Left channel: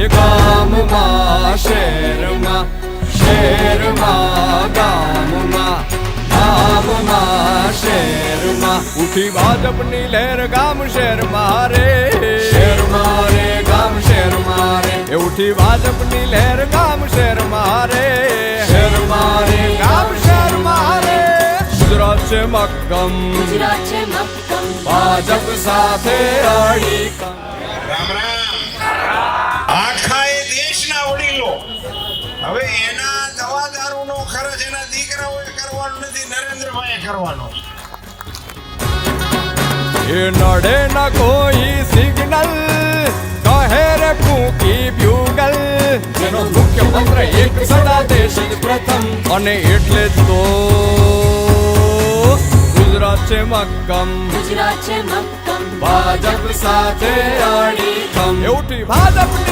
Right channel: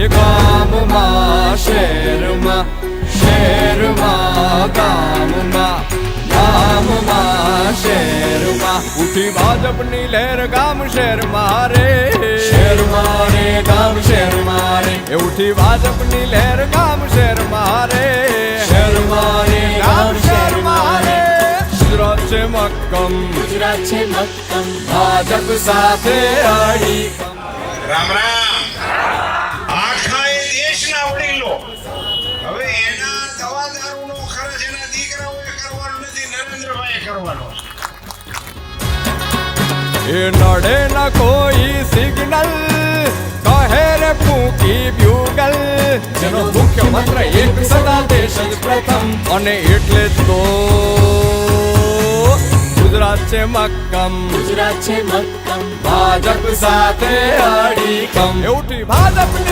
એ ગામમાં શહેરમાં, શહેરમાં ગામમાં, ગામમાં શહેરમાં ઉઠી ભાજપની લહેર ગામ શહેરમાં રે, શહેરમાં રે ગામ શહેરમાં રે. એ ઉઠી ભાજપની લહેર ગામ શહેરમાં રે, શહેરમાં રે ગામ શહેરમાં રે. ગુજરાત છે મક્કમ, ગુજરાત છે મક્કમ, ભાજપ સાથે અડી. રામ રામ. આખા એ દેશના વડીલો હવે એના દવાદારૂનો ખર્ચ એના દીકરાઓએ કરવાનો નથી, નરેન્દ્રભાઈએ કરવાનો. એ નડે ન કોઈ સિગ્નલ, કહે રે ફૂંકી બ્યુગલ. જેનો મુખ્ય મંત્ર એક સદા દેશ જ પ્રથમ, અને એટલે જ તો ગુજરાત છે મક્કમ, ગુજરાત છે મક્કમ, ભાજપ સાથે અડીખમ. એ ઉઠી ભાજપની